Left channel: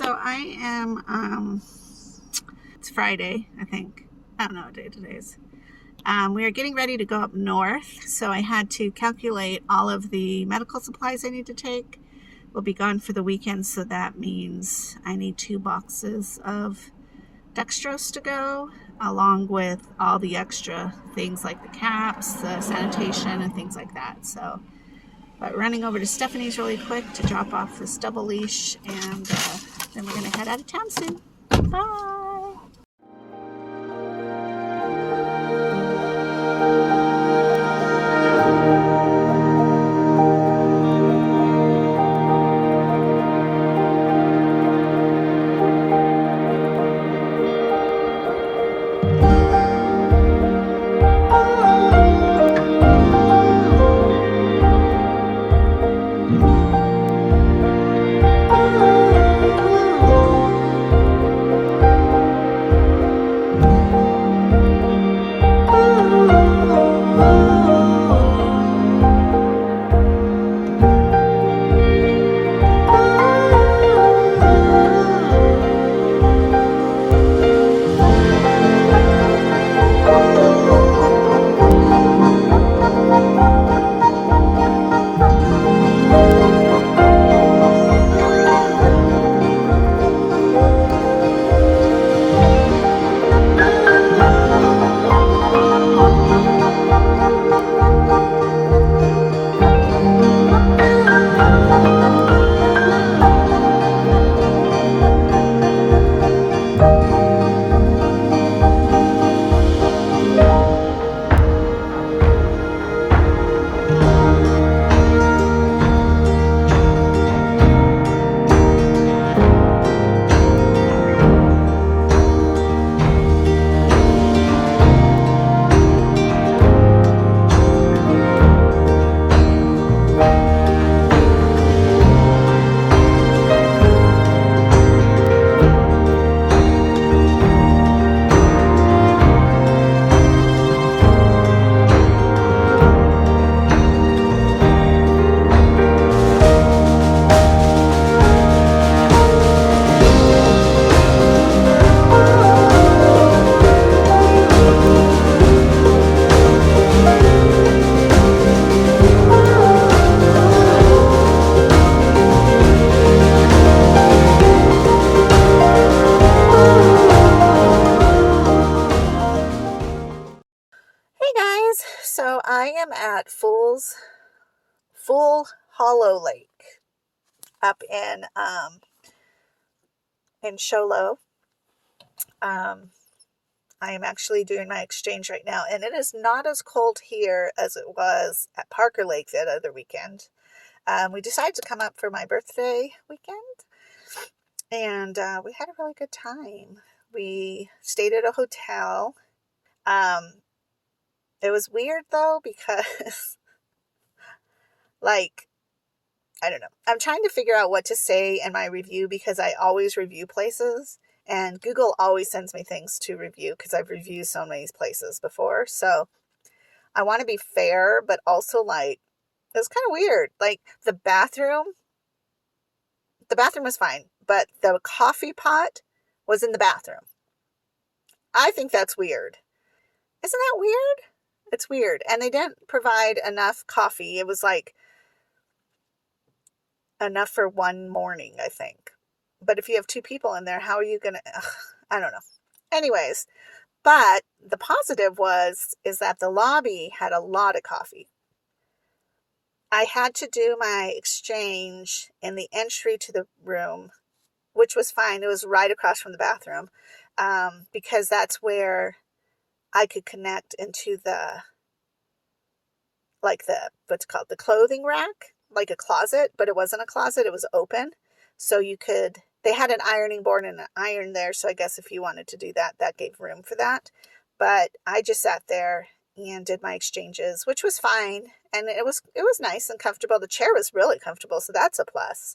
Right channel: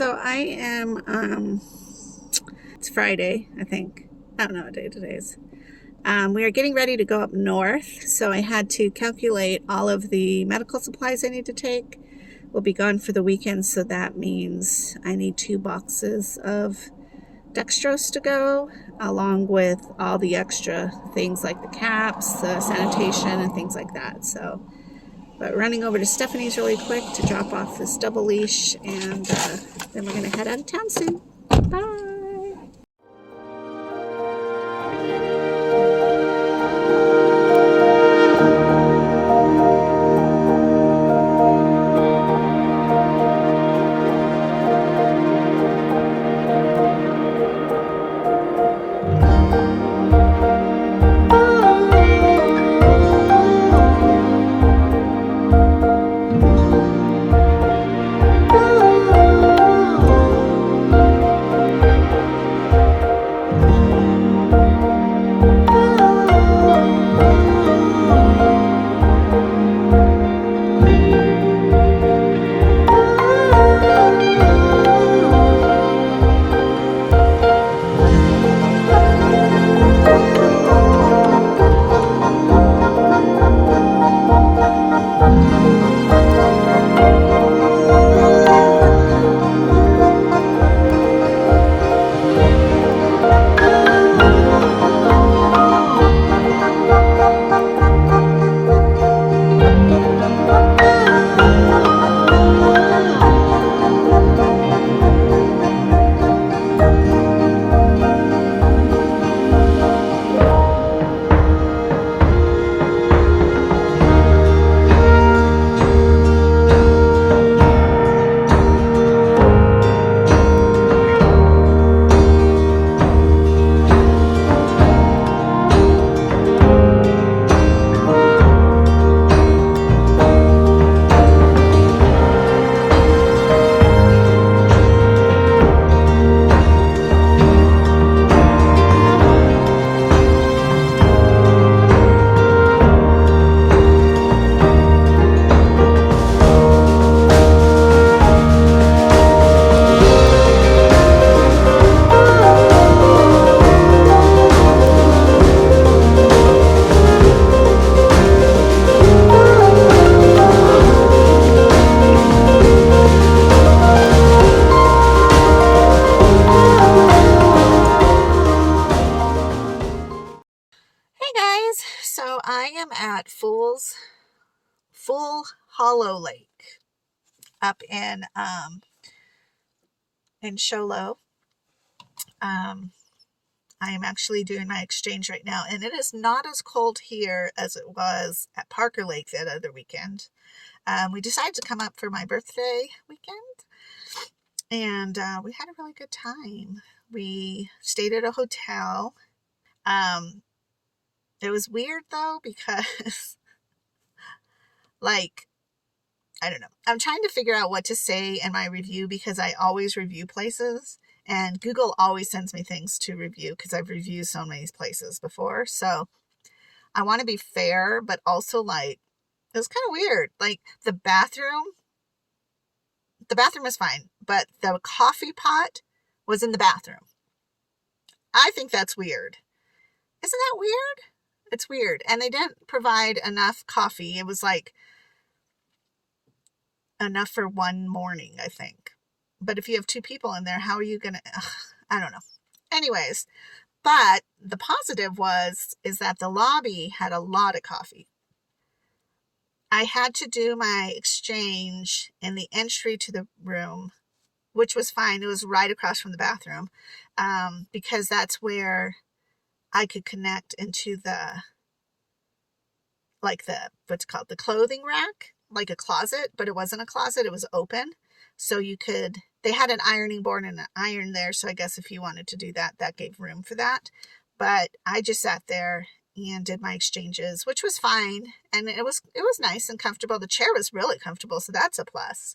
So I am, it's Friday, I think. I don't know what day today is. We are getting ready to go up north, so I had to calculate all of the medical supplies I need to take. We'll be gone for the weekend, so that means I need 2 boxes of dextrose to go, along with all the extra things like the caps, the sanitation, and things like that. So, but running over to Stephanie's really quick to drop off this double leash, and then we're going to head out of town soon. Bye! Hey guys, so I am at Full Hollow Lake up in Show Low. I am actually doing my exchange right now, and it is not as cold here as it was at Parker Lake that other weekend. We decided to come up for my birthday weekend, and we had a really good time. We stayed at a hotel. It was weird though because like, I don't know. I'm trying to figure out what to say in my review because I always review places and Google always sends me things to review because I've reviewed so many places before. So I want to be fair, but also like, it was kind of weird. Like the bathroom was fine, but the coffee pot was in the bathroom. I think that's weird. Isn't that weird? It's weird. And they didn't provide enough coffee. It was like enough for one morning, I think. But if you have 2 people in there, how are you going to, I don't know. Anyways, but the positive is that the lobby had a lot of coffee. I had to do my exchange in the entry to the room, which was fine. It was right across from the bathroom, because that's where I could connect into what's called the clothing rack, like a closet, but it wasn't a closet. It was open. So they had an ironing board and an iron there. So I guess if you wanted to do that, that gave room for that. But I just sat there and did my exchanges, which was fine. And it was nice and comfortable. The chair was really comfortable. So that's a plus.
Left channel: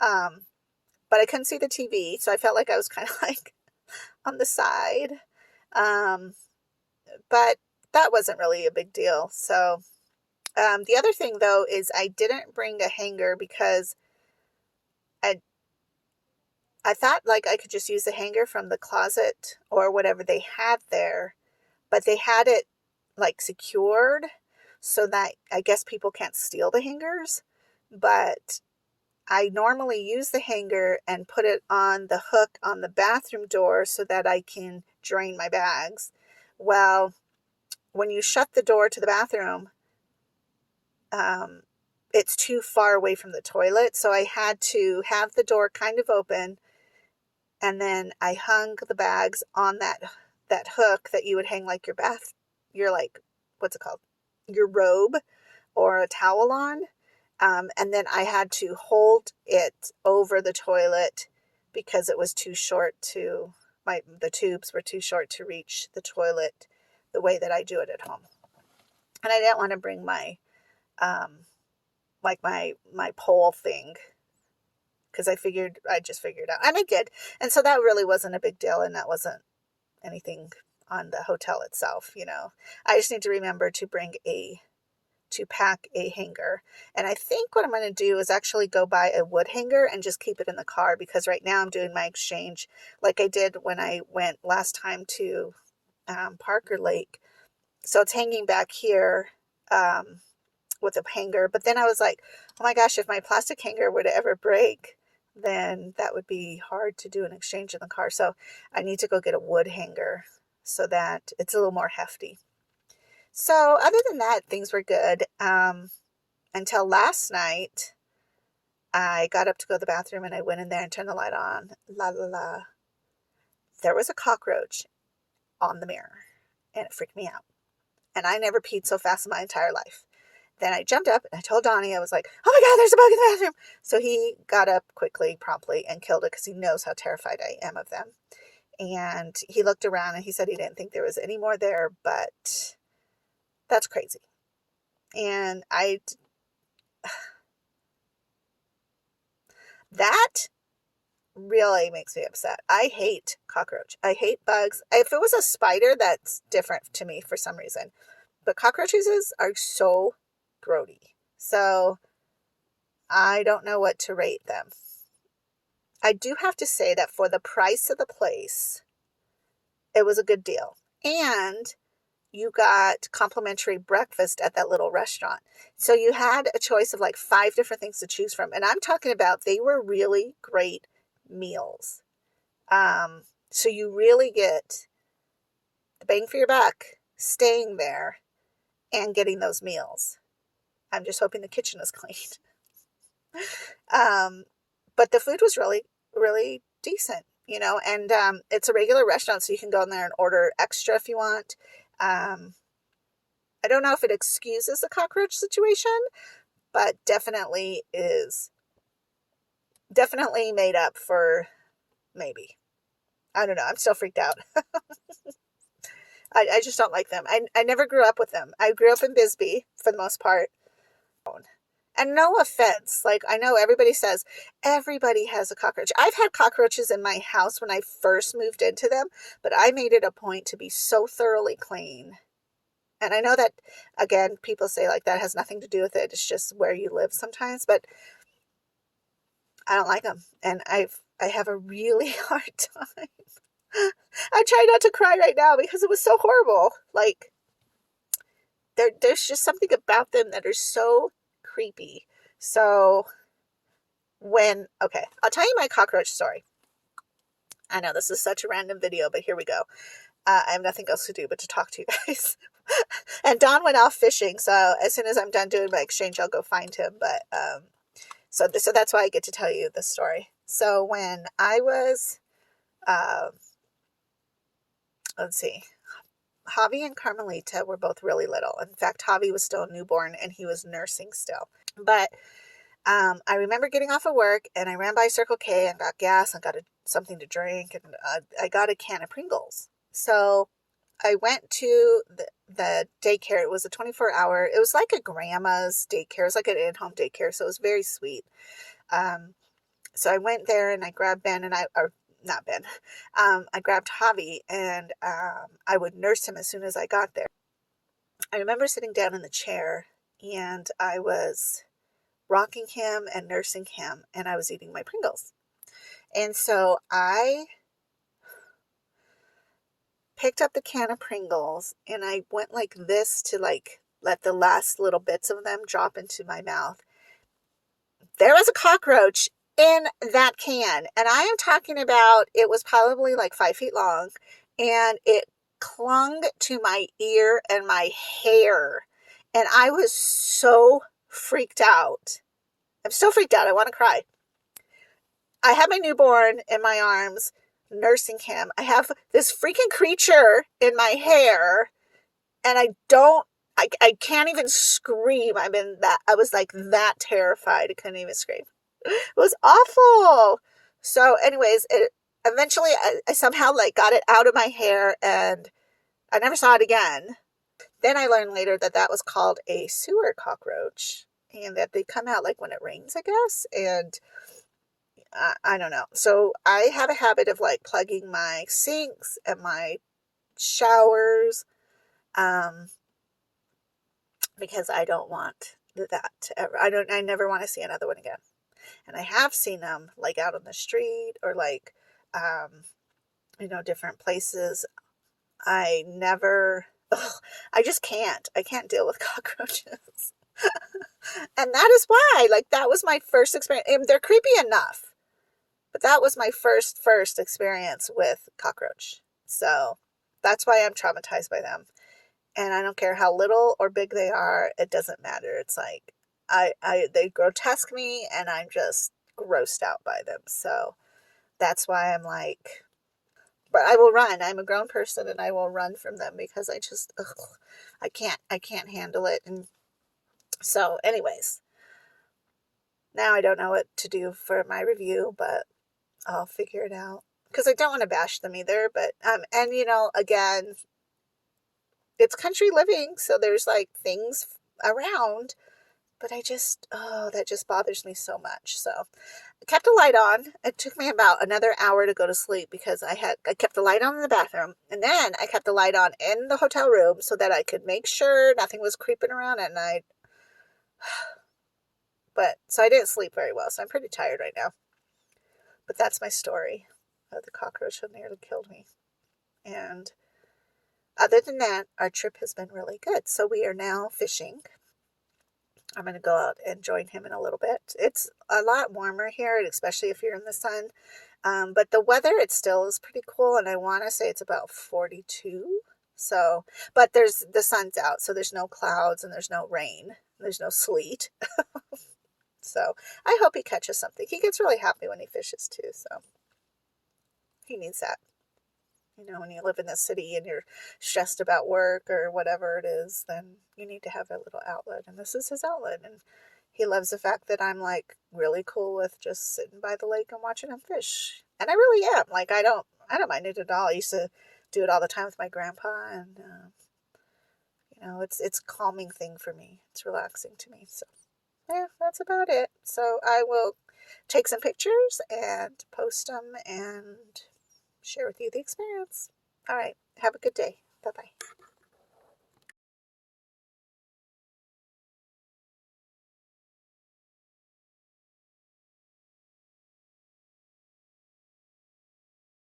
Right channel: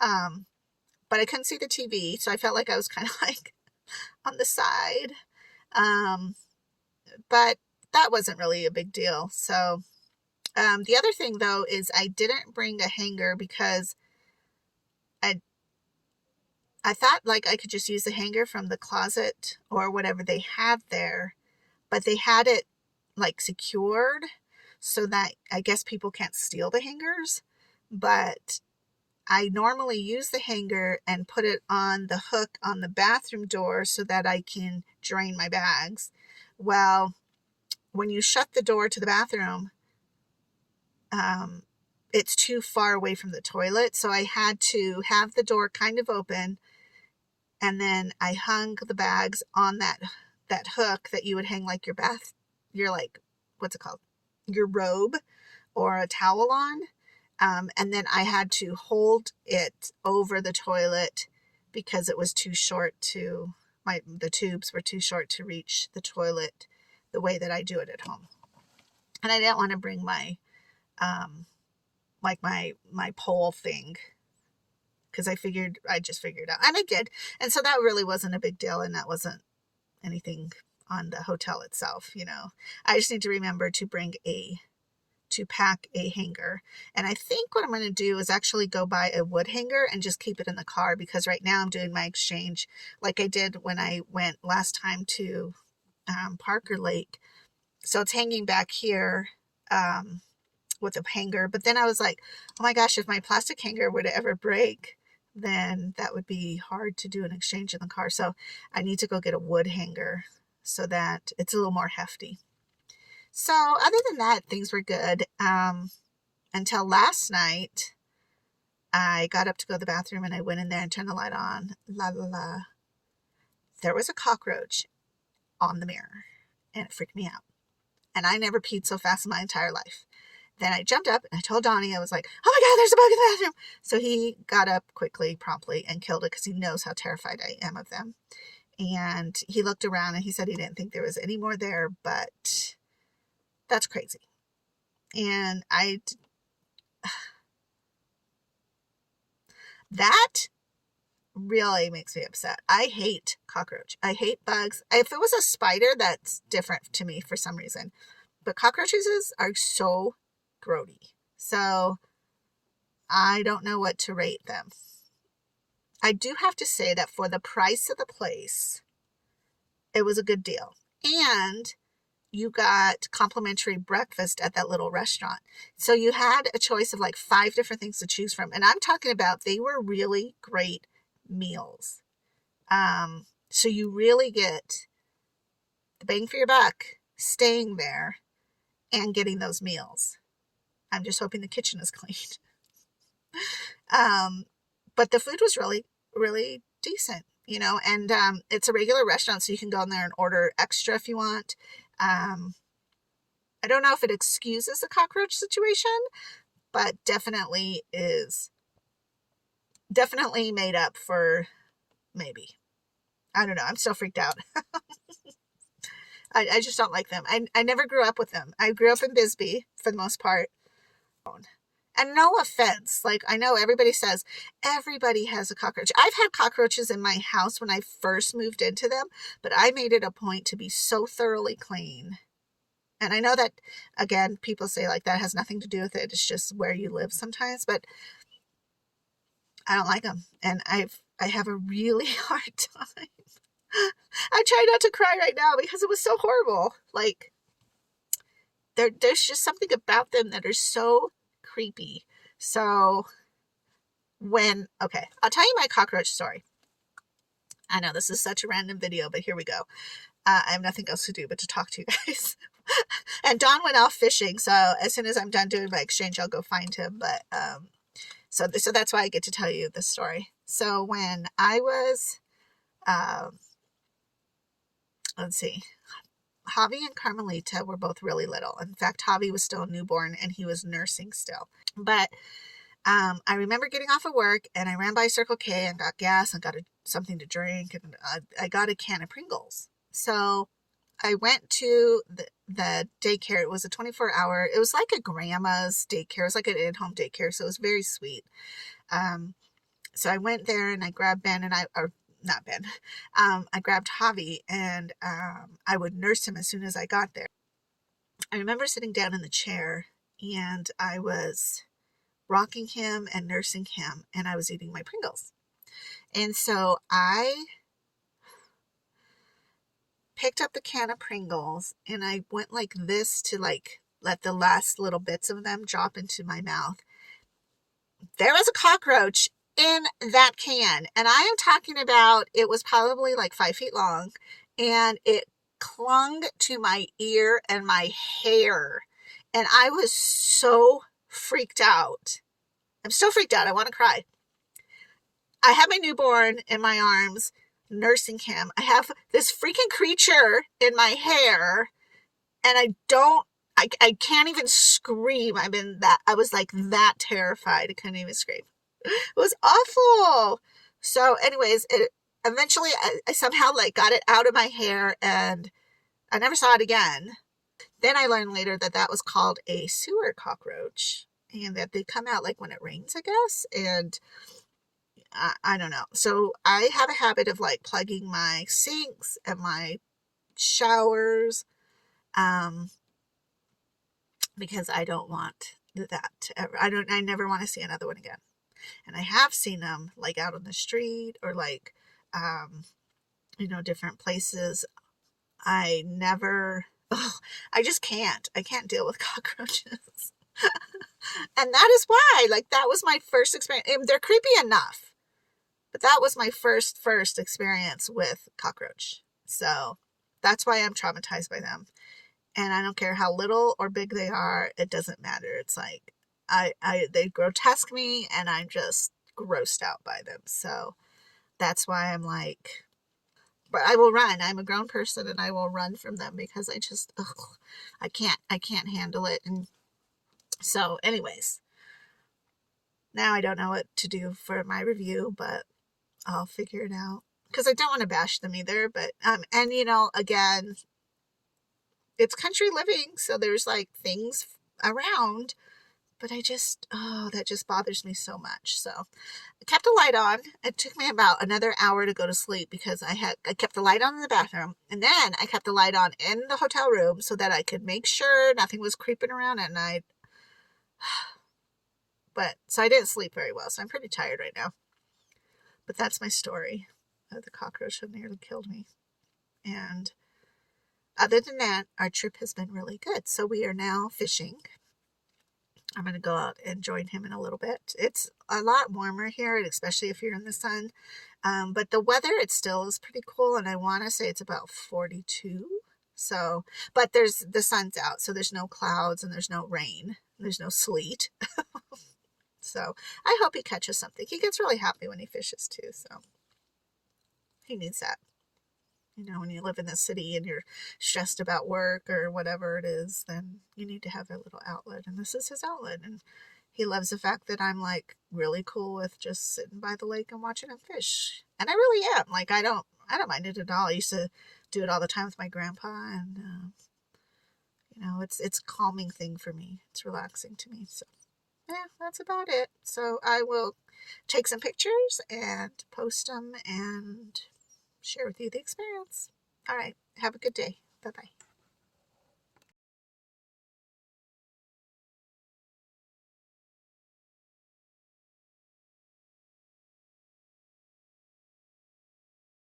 But I couldn't see the TV. So I felt like I was kind of like on the side. But that wasn't really a big deal. So the other thing though is I didn't bring a hanger because I thought like I could just use the hanger from the closet or whatever they had there, but they had it like secured so that I guess people can't steal the hangers. But I normally use the hanger and put it on the hook on the bathroom door so that I can drain my bags. Well, when you shut the door to the bathroom, it's too far away from the toilet. So I had to have the door kind of open, and then I hung the bags on that hook that you would hang like your like, what's it called? Your robe or a towel on. And then I had to hold it over the toilet because it was too short the tubes were too short to reach the toilet the way that I do it at home. And I didn't want to bring my, like my pole thing, because I just figured out, and I did. And so that really wasn't a big deal. And that wasn't anything on the hotel itself. I just need to remember to pack a hanger. And I think what I'm going to do is actually go buy a wood hanger and just keep it in the car, because right now I'm doing my exchange like I did when I went last time to Parker Lake. So it's hanging back here with a hanger. But then I was like, oh my gosh, if my plastic hanger were to ever break, then that would be hard to do an exchange in the car. So I need to go get a wood hanger so that it's a little more hefty. So other than that, things were good. Until last night, I got up to go to the bathroom and I went in there and turned the light on. La la la. There was a cockroach on the mirror and it freaked me out. And I never peed so fast in my entire life. Then I jumped up and I told Donnie, I was like, oh my God, there's a bug in the bathroom. So he got up quickly, promptly, and killed it because he knows how terrified I am of them. And he looked around and he said he didn't think there was any more there, but that's crazy. And that really makes me upset. I hate cockroach. I hate bugs. If it was a spider, that's different to me for some reason. But cockroaches are so grody. So I don't know what to rate them. I do have to say that for the price of the place, it was a good deal. And you got complimentary breakfast at that little restaurant. So you had a choice of like 5 different things to choose from. And I'm talking about, they were really great meals. So you really get the bang for your buck staying there and getting those meals. I'm just hoping the kitchen is clean. But the food was really, really decent, and it's a regular restaurant, so you can go in there and order extra if you want. I don't know if it excuses the cockroach situation, but definitely made up for maybe. I don't know. I'm still freaked out. I just don't like them. I never grew up with them. I grew up in Bisbee for the most part. And no offense, like I know everybody says everybody has a cockroach. I've had cockroaches in my house when I first moved into them, but I made it a point to be so thoroughly clean. And I know that, again, people say like that has nothing to do with it. It's just where you live sometimes, but I don't like them. And I have a really hard time. I try not to cry right now because it was so horrible. Like there's just something about them that are so creepy. So okay, I'll tell you my cockroach story. I know this is such a random video, but here we go. I have nothing else to do but to talk to you guys. And Don went off fishing, so as soon as I'm done doing my exchange, I'll go find him. But so that's why I get to tell you this story. So when I was, let's see, Javi and Carmelita were both really little. In fact, Javi was still a newborn and he was nursing still. But I remember getting off of work and I ran by Circle K and got gas and got something to drink, and I got a can of Pringles. So I went to the daycare. It was a 24-hour. It was like a grandma's daycare. It was like an in-home daycare, so it was very sweet. So I went there and I grabbed Ben and not Ben. I grabbed Javi and I would nurse him as soon as I got there. I remember sitting down in the chair and I was rocking him and nursing him, and I was eating my Pringles. And so I picked up the can of Pringles and I went like this to like let the last little bits of them drop into my mouth. There was a cockroach in that can. And I am talking about, it was probably like 5 feet long and it clung to my ear and my hair. And I was so freaked out. I'm still freaked out. I want to cry. I have my newborn in my arms, nursing him. I have this freaking creature in my hair, and I can't even scream. I was like that terrified. I couldn't even scream. It was awful. So anyways, eventually I somehow like got it out of my hair and I never saw it again. Then I learned later that that was called a sewer cockroach and that they come out like when it rains, I guess. And I don't know. So I have a habit of like plugging my sinks and my showers, because I don't want that to ever, I never want to see another one again. And I have seen them like out on the street or like, different places. I never, I just can't. I can't deal with cockroaches. And that is why, like, that was my first experience. And they're creepy enough, but that was my first experience with cockroach. So that's why I'm traumatized by them. And I don't care how little or big they are. It doesn't matter. It's like, they grotesque me and I'm just grossed out by them. So that's why I'm like, but I will run. I'm a grown person and I will run from them because I just, I can't handle it. And so anyways, now I don't know what to do for my review, but I'll figure it out because I don't want to bash them either. But, and again, it's country living. So there's like things around, but that just bothers me so much. So I kept the light on. It took me about another hour to go to sleep because I kept the light on in the bathroom and then I kept the light on in the hotel room so that I could make sure nothing was creeping around at night. But so I didn't sleep very well. So I'm pretty tired right now. But that's my story of the cockroach that nearly killed me. And other than that, our trip has been really good. So we are now fishing. I'm going to go out and join him in a little bit. It's a lot warmer here, especially if you're in the sun. But the weather, it still is pretty cool. And I want to say it's about 42. So, but the sun's out. So there's no clouds and there's no rain. There's no sleet. So I hope he catches something. He gets really happy when he fishes too. So he needs that. When you live in the city and you're stressed about work or whatever it is, then you need to have a little outlet. And this is his outlet. And he loves the fact that I'm like really cool with just sitting by the lake and watching him fish. And I really am. Like, I don't mind it at all. I used to do it all the time with my grandpa. And, it's a calming thing for me. It's relaxing to me. So, yeah, that's about it. So I will take some pictures and post them and share with you the experience. All right. Have a good day. Bye-bye.